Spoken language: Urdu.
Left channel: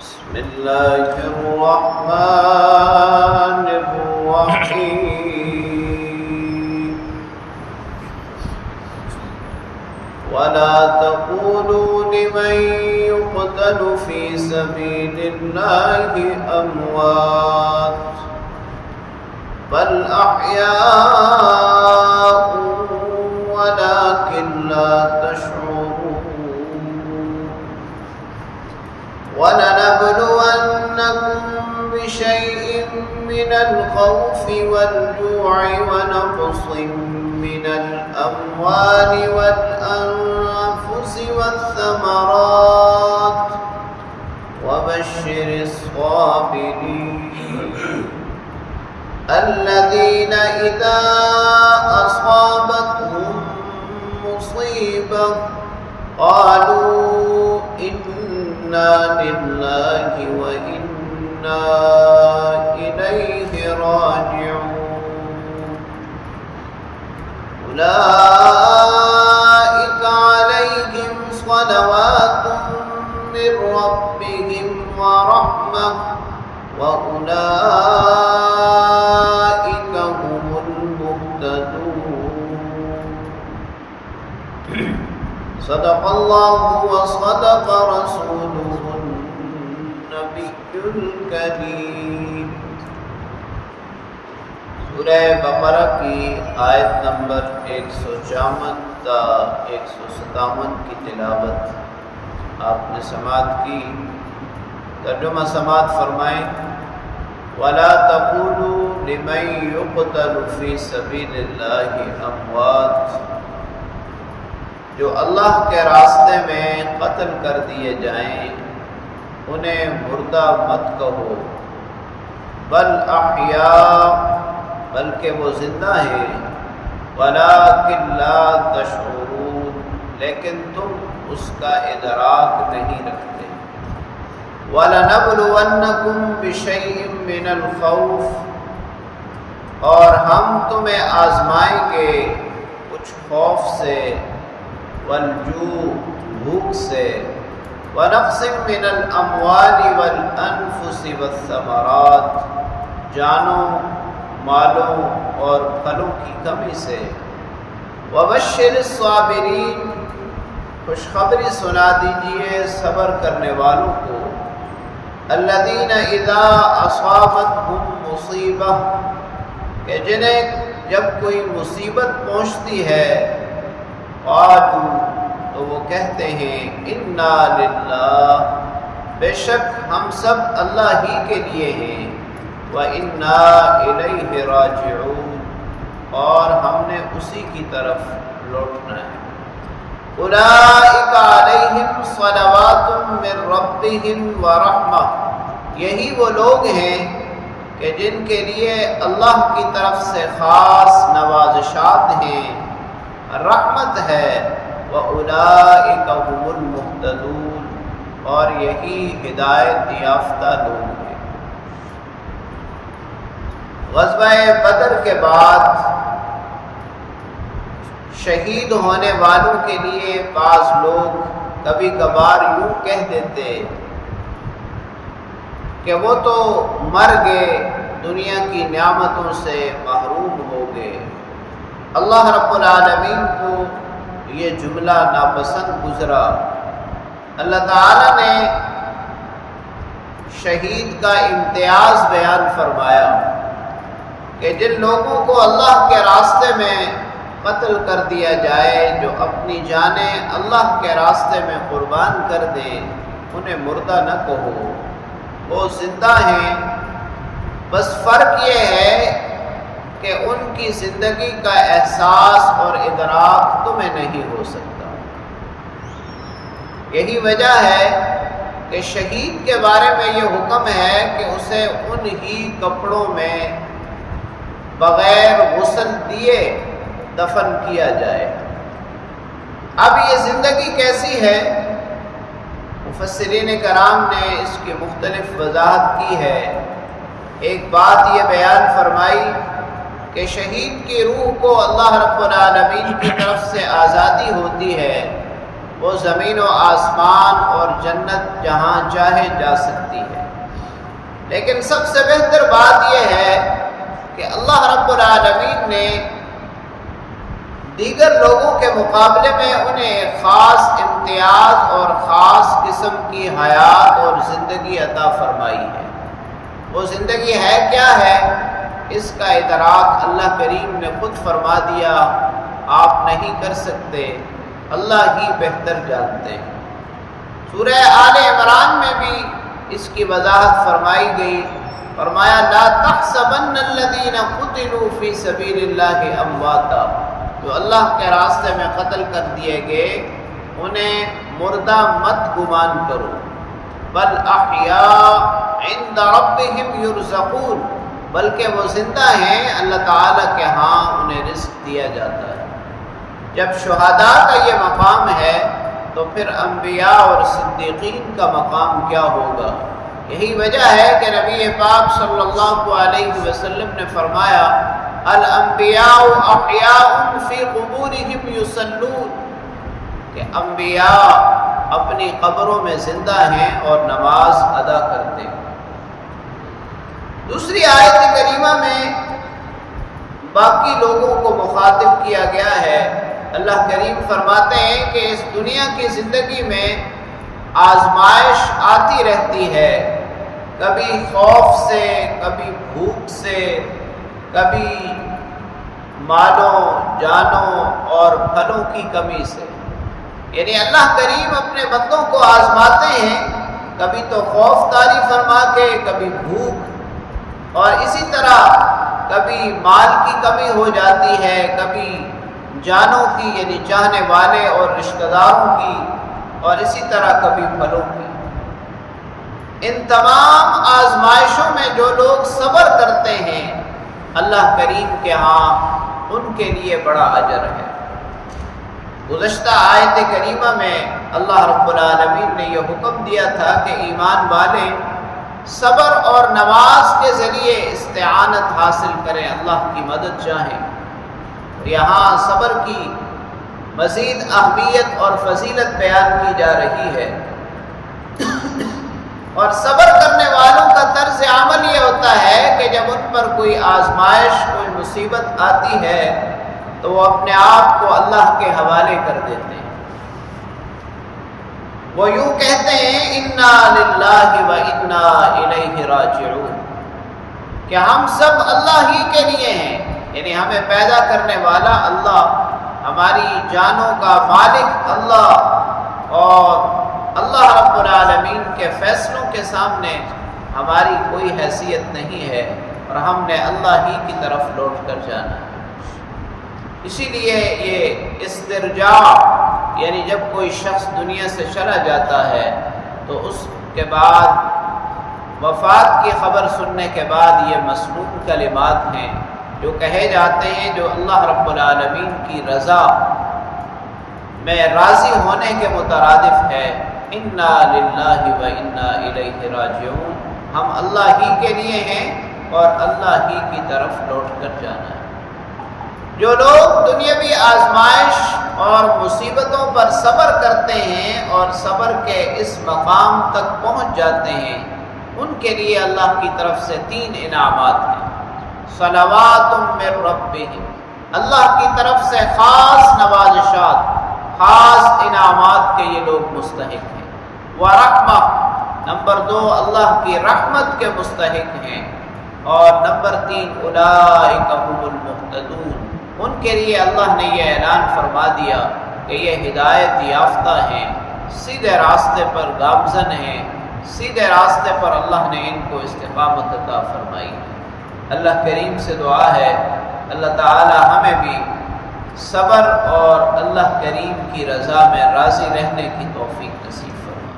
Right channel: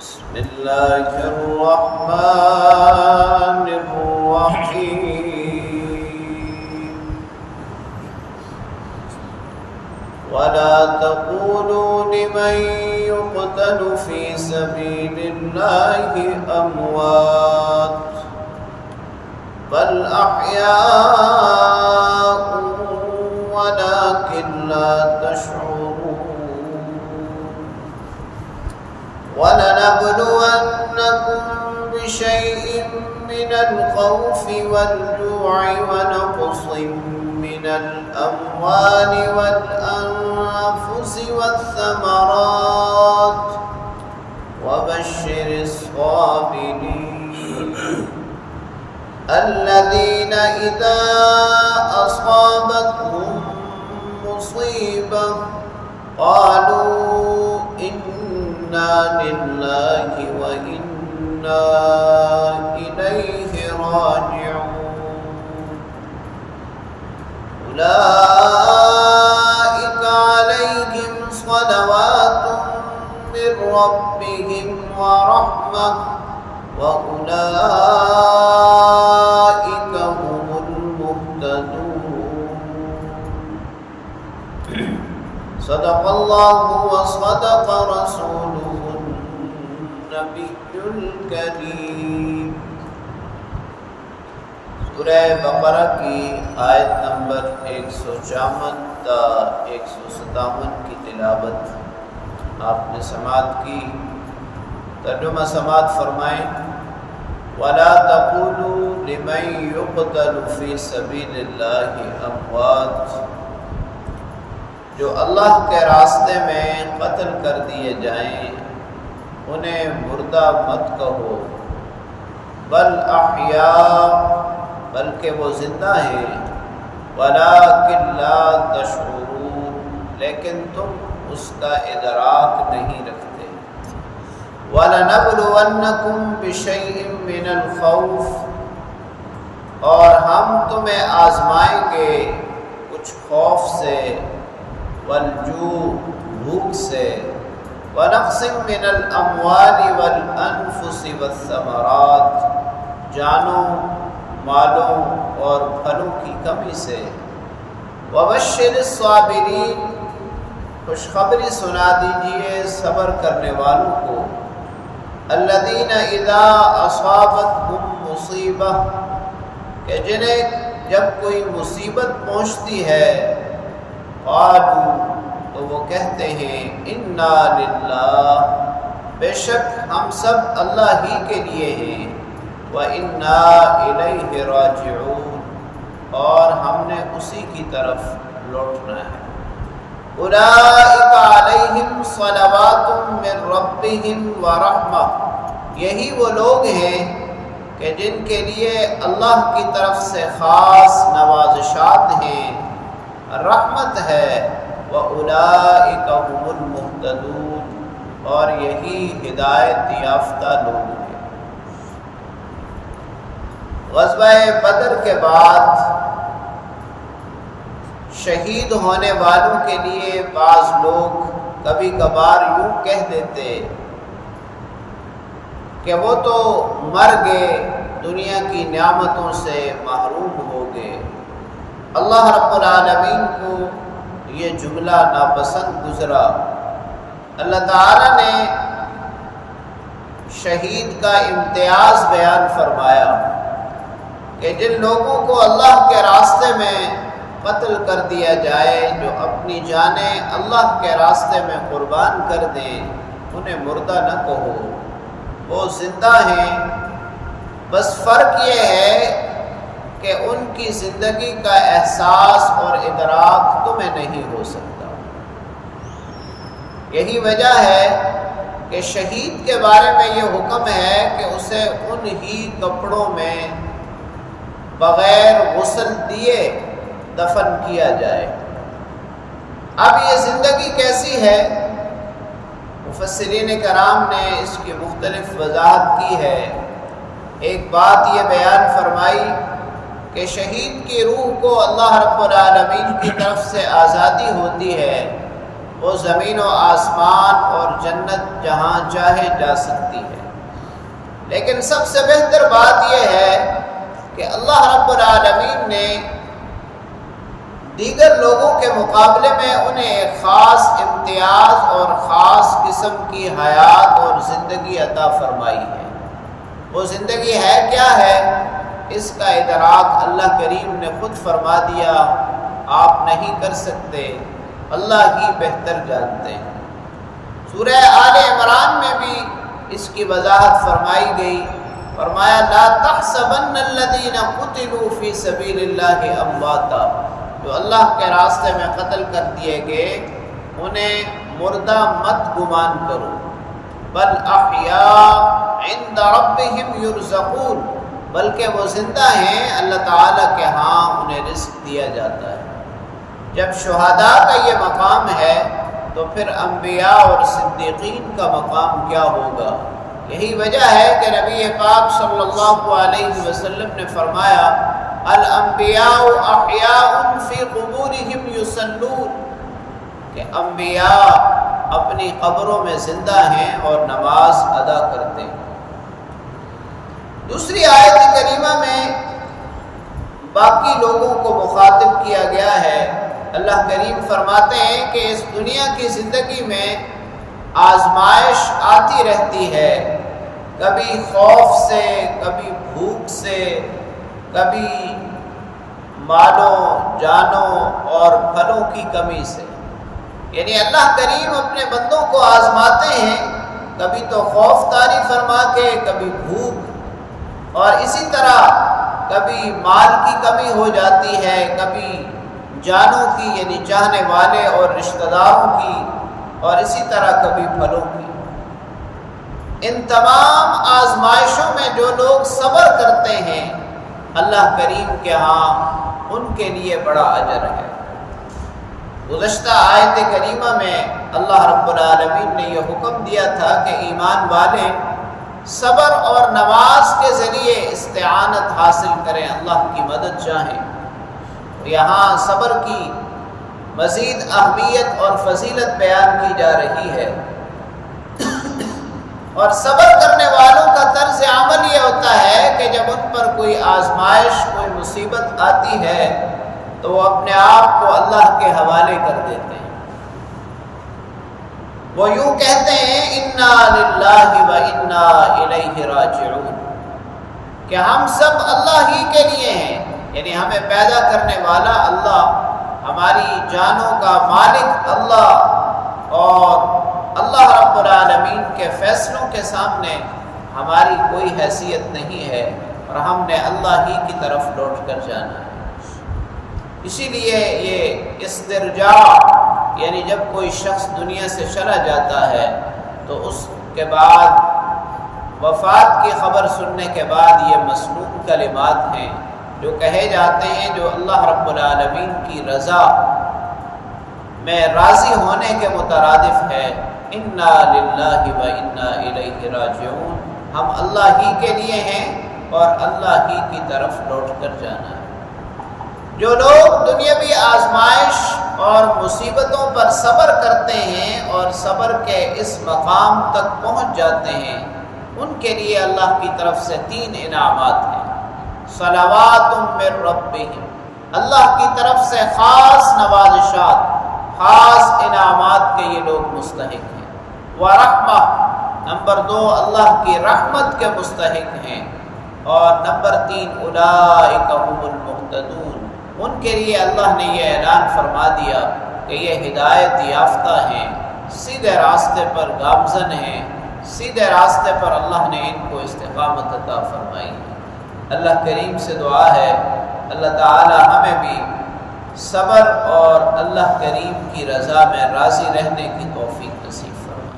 بسم الله الرحمن الرحيم ولا تقولوا لمن يقتل في سبيل الله أموات بل أحياء ولكن لا تشعرون ولنبلونكم بشيء من الخوف والجوع ونقص من الأموال والأنفس والثمرات وبشر الصابرين الذين إذا أصابتهم مصيبة قالوا إنا لله وإنا إليه راجعون أولئك عليهم صلوات من ربهم ورحمة وأولئك هم المهتدون صدق الله وصدق رسوله النبي الكريم۔ سورہ بقرہ کی آیت نمبر 154 تا 157 کی تلاوت آپ نے سماعت کی۔ ترجمہ سماعت فرمائیں۔ وَلَا تَقُولُوا لِمَن يُقْتَلُ فِي سَبِيلِ اللَّهِ أَمْوَاتٌ، جو اللہ کے راستے میں قتل کر دیے جائیں انہیں مردہ مت کہو، بل احیاء، بلکہ وہ زندہ ہیں، ولیکن لا تشعرون، لیکن تم اس کا ادراک نہیں رکھتے۔ وَلَنَبْلُوَنَّكُمْ بِشَيْءٍ مِّنَ الْخَوْفِ، اور ہم تمہیں آزمائیں گے کچھ خوف سے، والجوع، بھوک سے، ونقص من الاموال والانفس والثمرات، جانوں، مالوں اور پھلوں کی کمی سے، وبشر الصابرین، خوشخبری سنا دیجئے صبر کرنے والوں کو، الذین اذا اصابتهم مصیبہ، کہ جنہیں جب کوئی مصیبت پہنچتی ہے، قالوا، تو وہ کہتے ہیں، انا للہ، بے شک ہم سب اللہ ہی کے لیے ہیں، وَإِنَّا إِلَيْهِ رَاجِعُونَ، اور ہم نے اسی کی طرف لوٹنا ہے۔ أُولَئِكَ عَلَيْهِمْ صَلَوَاتٌ مِّن رَّبِّهِمْ وَرَحْمَةٌ، یہی وہ لوگ ہیں کہ جن کے لیے اللہ کی طرف سے خاص نوازشات ہیں، رحمت ہے، وَأُولَئِكَ هُمُ الْمُهْتَدُونَ، اور یہی ہدایت یافتہ لوگ ہیں۔ غزوہ بدر کے بعد شہید ہونے والوں کے لیے بعض لوگ کبھی کبھار یوں کہہ دیتے کہ وہ تو مر گئے، دنیا کی نعمتوں سے محروم ہو گئے۔ اللہ رب العالمین کو یہ جملہ ناپسند گزرا۔ اللہ تعالیٰ نے شہید کا امتیاز بیان فرمایا کہ جن لوگوں کو اللہ کے راستے میں قتل کر دیا جائے، جو اپنی جانیں اللہ کے راستے میں قربان کر دیں، انہیں مردہ نہ کہو، وہ زندہ ہیں، بس فرق یہ ہے کہ ان کی زندگی کا احساس اور ادراک تمہیں نہیں ہو سکتا۔ یہی وجہ ہے کہ شہید کے بارے میں یہ حکم ہے کہ اسے ان ہی کپڑوں میں بغیر غسل دیے دفن کیا جائے۔ اب یہ زندگی کیسی ہے؟ مفسرین کرام نے اس کی مختلف وضاحت کی ہے۔ ایک بات یہ بیان فرمائی کہ شہید کی روح کو اللہ رب العالمین کی طرف سے آزادی ہوتی ہے، وہ زمین و آسمان اور جنت جہاں چاہے جا سکتی ہے۔ لیکن سب سے بہتر بات یہ ہے کہ اللہ رب العالمین نے دیگر لوگوں کے مقابلے میں انہیں ایک خاص امتیاز اور خاص قسم کی حیات اور زندگی عطا فرمائی ہے۔ وہ زندگی ہے کیا ہے، اس کا ادراک اللہ کریم نے خود فرما دیا، آپ نہیں کر سکتے، اللہ ہی بہتر جانتے ہیں۔ سورہ آل عمران میں بھی اس کی وضاحت فرمائی گئی، فرمایا لا تحسبن الذین قتلوا فی سبیل اللہ امواتا، جو اللہ کے راستے میں قتل کر دیے گئے انہیں مردہ مت گمان کرو، بل احیاء عند ربہم یرزقون، بلکہ وہ زندہ ہیں، اللہ تعالیٰ کے ہاں انہیں رزق دیا جاتا ہے۔ جب شہداء کا یہ مقام ہے تو پھر انبیاء اور صدیقین کا مقام کیا ہوگا؟ یہی وجہ ہے کہ نبی پاک صلی اللہ علیہ وسلم نے فرمایا الانبیاء احیاء فی قبورہم یصلون، کہ انبیاء اپنی قبروں میں زندہ ہیں اور نماز ادا کرتے ہیں۔ دوسری آیت کریمہ میں باقی لوگوں کو مخاطب کیا گیا ہے۔ اللہ کریم فرماتے ہیں کہ اس دنیا کی زندگی میں آزمائش آتی رہتی ہے، کبھی خوف سے، کبھی بھوک سے، کبھی مالوں جانوں اور پھلوں کی کمی سے۔ یعنی اللہ کریم اپنے بندوں کو آزماتے ہیں، کبھی تو خوف طاری فرما کے، کبھی بھوک، اور اسی طرح کبھی مال کی کمی ہو جاتی ہے، کبھی جانوں کی یعنی چاہنے والے اور رشتہ داروں کی، اور اسی طرح کبھی پھلوں کی۔ ان تمام آزمائشوں میں جو لوگ صبر کرتے ہیں اللہ کریم کے ہاں ان کے لیے بڑا اجر ہے۔ گزشتہ آیت کریمہ میں اللہ رب العالمین نے یہ حکم دیا تھا کہ ایمان والے صبر اور نماز کے ذریعے استعانت حاصل کریں، اللہ کی مدد چاہیں۔ یہاں صبر کی مزید اہمیت اور فضیلت بیان کی جا رہی ہے، اور صبر کرنے والوں کا طرز عمل یہ ہوتا ہے کہ جب ان پر کوئی آزمائش، کوئی مصیبت آتی ہے تو وہ اپنے آپ کو اللہ کے حوالے کر دیتے ہیں۔ وہ یوں کہتے ہیں انا للہ و انا الیہ راجعون، کہ ہم سب اللہ ہی کے لیے ہیں، یعنی ہمیں پیدا کرنے والا اللہ، ہماری جانوں کا مالک اللہ، اور اللہ رب العالمین کے فیصلوں کے سامنے ہماری کوئی حیثیت نہیں ہے، اور ہم نے اللہ ہی کی طرف لوٹ کر جانا ہے۔ اسی لیے یہ استرجاع، یعنی جب کوئی شخص دنیا سے چلا جاتا ہے تو اس کے بعد وفات کی خبر سننے کے بعد یہ مسنون کلمات ہیں جو کہے جاتے ہیں، جو اللہ رب العالمین کی رضا میں راضی ہونے کے مترادف ہے۔ انا للہ و انا الیہ راجعون، ہم اللہ ہی کے لیے ہیں اور اللہ ہی کی طرف لوٹ کر جانا ہے۔ جو لوگ دنیاوی آزمائش اور مصیبتوں پر صبر کرتے ہیں اور صبر کے اس مقام تک پہنچ جاتے ہیں، ان کے لیے اللہ کی طرف سے 3 انعامات ہیں۔ صلوات من ربہم، اللہ کی طرف سے خاص نوازشات، خاص انعامات کے یہ لوگ مستحق ہیں۔ ورحمہ، نمبر 2 اللہ کی رحمت کے مستحق ہیں، اور نمبر 3 اولئک هم المہتدون، ان کے لیے اللہ نے یہ اعلان فرما دیا کہ یہ ہدایت یافتہ ہیں، سیدھے راستے پر گامزن ہیں، سیدھے راستے پر اللہ نے ان کو استقامت عطا فرمائی ہے۔ اللہ کریم سے دعا ہے اللہ تعالی ہمیں بھی صبر اور اللہ کریم کی رضا میں راضی رہنے کی توفیق نصیب فرمائے۔